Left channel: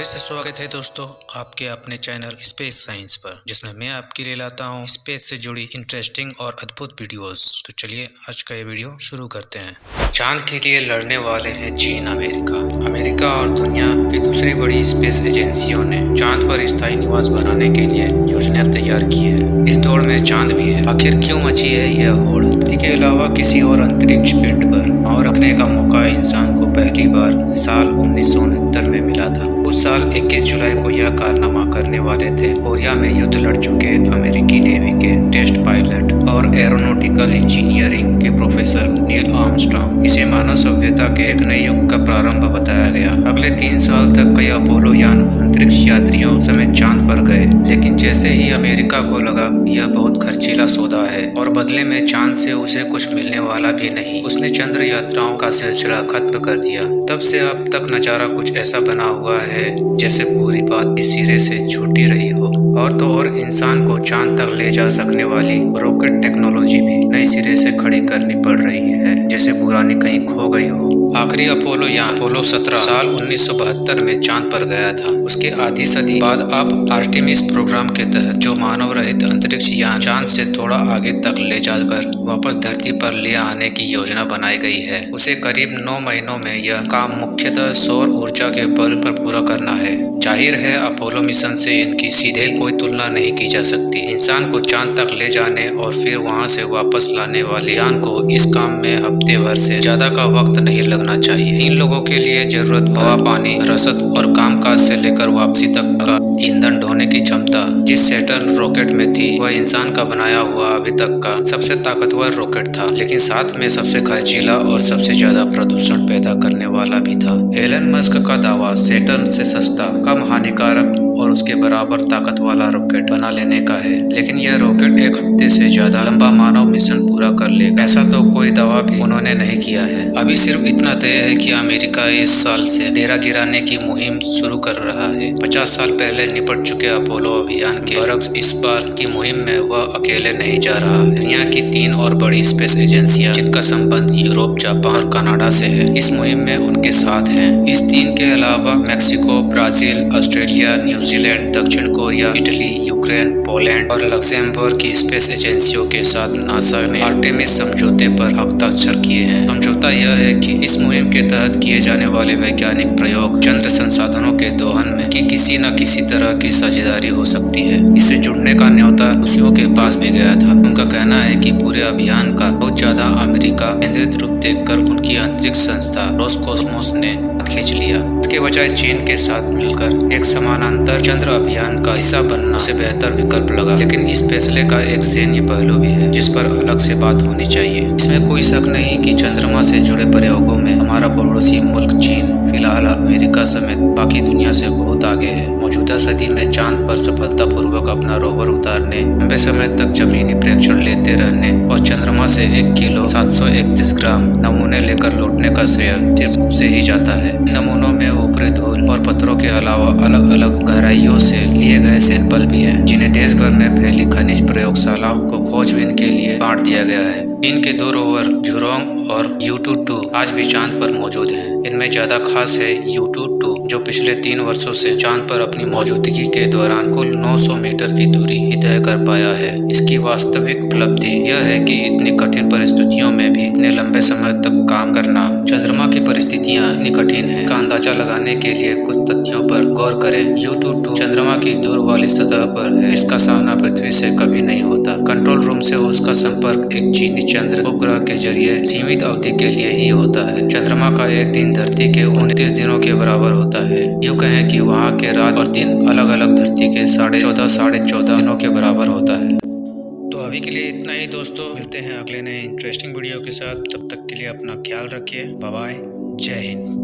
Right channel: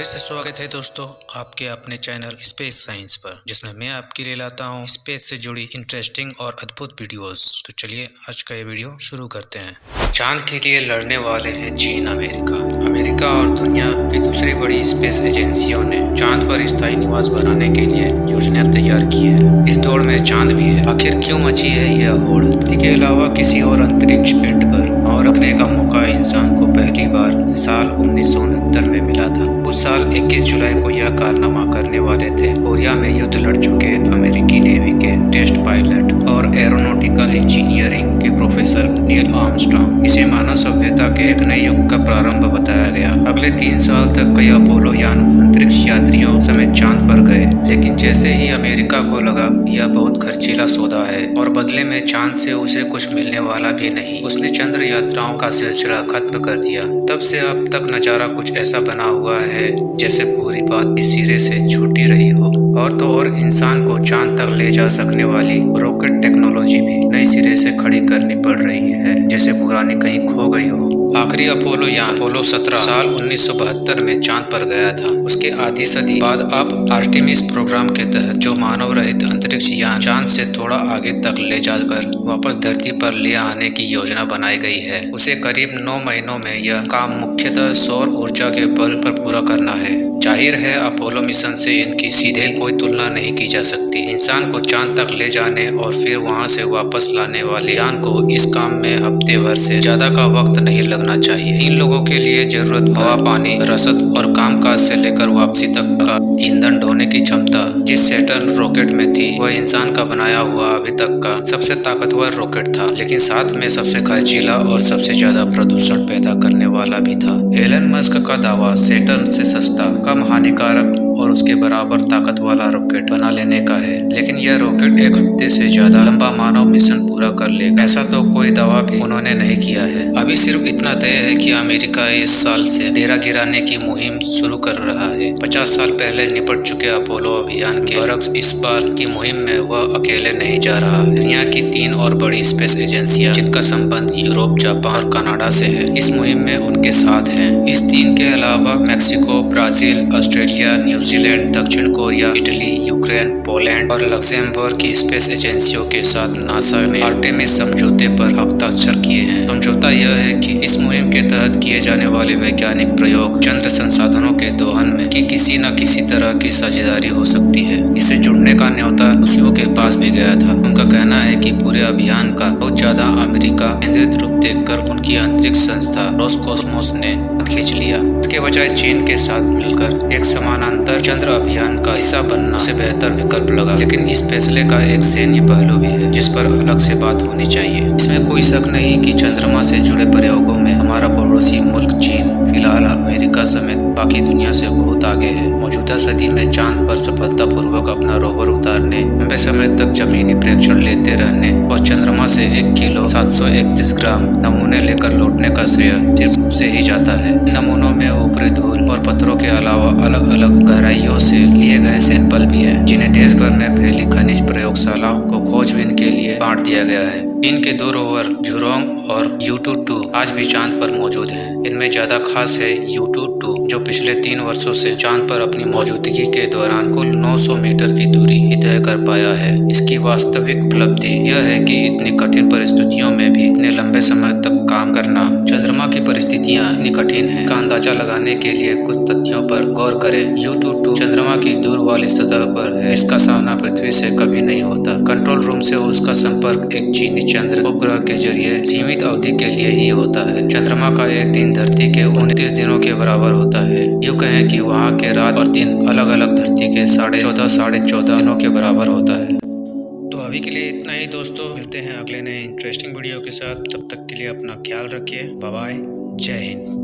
फिर से स्वागत है दोस्तों आपके अपने चैनल स्पेस साइंस पर, जिसमें मैं आपके लिए लाता हूं स्पेस से जुड़ी इंटरेस्टिंग और अद्भुत वीडियोस। तो चलिए आज का ये वीडियो शुरू करते हैं। चांद के लिए लड़ने वाले हैं चीन अमेरिका और दुनिया की दूसरी बड़ी स्पेस एजेंसियों ने चांद पर स्थायी निवास बनाने के लिए योजना तैयार की है। इस दौड़ में चांद भी है। आखिर क्यों मची है यह होड़? धरती के अलावा किसी और अंतरिक्ष पिंड पर पांव रखने का मौका इंसान को पहली बार साल 1969 में मिला था। उस साल 21 जुलाई को यह कारनामा करने वाले थे कोरिया में युद्ध लड़ चुके अमेरिकी नेवी के टेस्ट पायलट और एरोनॉटिकल इंजीनियरिंग के प्रोफेसर नील आर्मस्ट्रांग। इसे मानव सभ्यता के एक नए युग का प्रारंभ बताया गया। अगले 3 साल तक कई अपोलो यान अंतरिक्ष यात्रियों समेत चांद पर गए, लेकिन जैसे ही अमेरिका को लगा यह बहुत खर्चीला सौदा है और बदले में चांद से उसे कुछ मिलने वाला भी नहीं, उसने चंद्र यात्राओं का सिलसिला खत्म कर दिया। तब से अब तक नजारा कुछ ऐसा बना हुआ है जैसे पूरी बात इस सिरे से छूटी रही हो। और तो और इंसान को चांद तक ले जा सकने वाली रॉकेट टेक्नोलॉजी भी नई सिरे से खड़ी करनी पड़ रही है, जैसे पुरानी कहीं खो गई हो। आखिरी अपोलो यान अपोलो 17 साल 1972 में चांद पर गया था। उसके आधी सदी बाद अब आर्टेमिस प्रोग्राम के तहत जो मानव रहित अंतरिक्ष यान चांद से थोड़ा आगे तक ले जाकर वापस धरती पर ले आने की योजना बनाई गई है। उसे करीब 9 महीनों में यह काम मुख्यतः सौर ऊर्जा के बल पर पूरा करना है। जाहिर है अपोलो मिशन से इनकी सीधे कोई तुलना नहीं की जा सकती। इंसान को चांद तक ले जाने और फिर वहां से वापस लाने वाले यान को इस काम में हफ्ते भर से ज्यादा का वक्त नहीं लगना चाहिए। 3 लोगों के लिए जरूरत हवा, पानी, रसद और कामकाज से लेकर वापसी तक का ईंधन ढोने की क्षमता जिस सैटर्न रॉकेट में थी, वह इंसान का बनाया हुआ अभी तक का सबसे ताकतवर रॉकेट था, लेकिन साथ में सबसे खर्चीला और सबसे ज्यादा प्रदूषण पैदा करने वाला भी था। एलन मस्क का दावा सैटर्न से सस्ता, कम हानिकारक और उसके बराबर ताकत वाला रॉकेट बना लेने का है, लेकिन यह रॉकेट 1 हफ्ते से ज्यादा लंबा मानव मिशन पूरा कर लेगा, ऐसा तो कोई दावा भी उन्होंने नहीं किया है। अभी सिर्फ इतना तय है कि अमेरिका इस साल से डेरा गिराने की मुहिम शुरू कर रहा है। 50 साल पहले निपट चुके अपोलो अभियान के बरक्स इस बार की मुहिम में वह अकेले नहीं जा रहा है। दुनिया की 3 और बड़ी स्पेस एजेंसियां जिनका संबंध यूरोप, जापान और कनाडा से है, इस मुहिम में उनके साथ हैं। इस 3 के अलावा मैक्सिको, ब्राजील, ऑस्ट्रेलिया, न्यूजीलैंड, दक्षिण कोरिया, इटली, यूक्रेन, पोलैंड और लक्सेमबर्ग की स्पेस एजेंसियों के साथ नासा ने आर्टेमिस समझौते पर हस्ताक्षर किए हैं। समझौता यह है कि इस मुहिम के तहत किए जाने वाले वैज्ञानिक प्रयोग चंद्र संसाधनों के दोहन में की किसी न किसी तरह की साझेदारी हो सकती है। इससे जुड़ने का न्योता रूसियों के पास भी गया था। उनका कहना है कि पूरे अभियान का बहुत ज्यादा अमेरिका केंद्रित रूप देखकर उनकी अंतरिक्ष संस्था रोसकोस्मोस ने खींच लिया। इसके बजाय चीन के साथ मिलकर एक समानांतर चंद्र अभियान का हिस्सा बनना उसे बेहतर विकल्प लगा। लेकिन इस फैसले का एक सैन्य पहलू भी है जिस पर अलग से बात होनी चाहिए। इसमें कोई शक नहीं कि चंद्रमा से जुड़े प्रयोगों में हमारा पड़ोसी मुल्क चीन फिलहाल अमेरिका समेत बाकी दुनिया से बहुत आगे है। मौजूदा सदी में चांद पर सफलतापूर्वक अपना रोवर उतारने, लंबे समय तक जमीनी प्रेक्षण लेते रहने और चंद्रमा से 1 किलो 731 ग्राम नमूने लेकर लौटने का श्रेय सिर्फ उसे ही जाता है। नमूनों में ऊपरी धूल और पत्थरों के अलावा अलग अलग गहराइयों से लिए गए सैंपल भी हैं, जिन्हें देश भर में फैली खनिज प्रयोगशालाओं को खोजबीन के लिए बांट दिया गया है। चीन के 2 रोवर झुरोंग और यूटू-2 आज भी चांद पर मौजूद हैं। इनमें ज्यादा खास है यूटू-2, जो पिछले 3 वर्षों से चांद पर अपनी मौजूदगी के दौरान कुल 900 मीटर की दूरी ही तय कर पाया है। इसकी वास्तविक उपलब्धि यह है कि इतनी कठिन परिस्थितियों में भी इतने लंबे समय तक काम करना। चंद्रमा की परिस्थितियां इतनी कठिन है का अंदाजा लगाने के लिए कुछ तथ्यों पर गौर करें। यूटू-2 चंद्रमा की दूर वाली सतह पर है। इसका सामना पृथ्वी से कभी नहीं होता। कंट्रोल रूम से उसका संपर्क एक चीनी चंद्र उपग्रह के जरिए सीमित अवधि के लिए ही होता है। चंद्रमा का एक दिन धरती के 29 दिनों के बराबर होता है। यूँ कहें कि वहाँ के रात और दिन अलग अलग धरती के 14.5 दिनों के बराबर होता है। तो अभी के लिए इतना ही दोस्तों, मिलते हैं अगले नए इंटरेस्टिंग वीडियो के साथ। तब तक के लिए अपना ख्याल रखिए। बाय बाय, जय हिंद।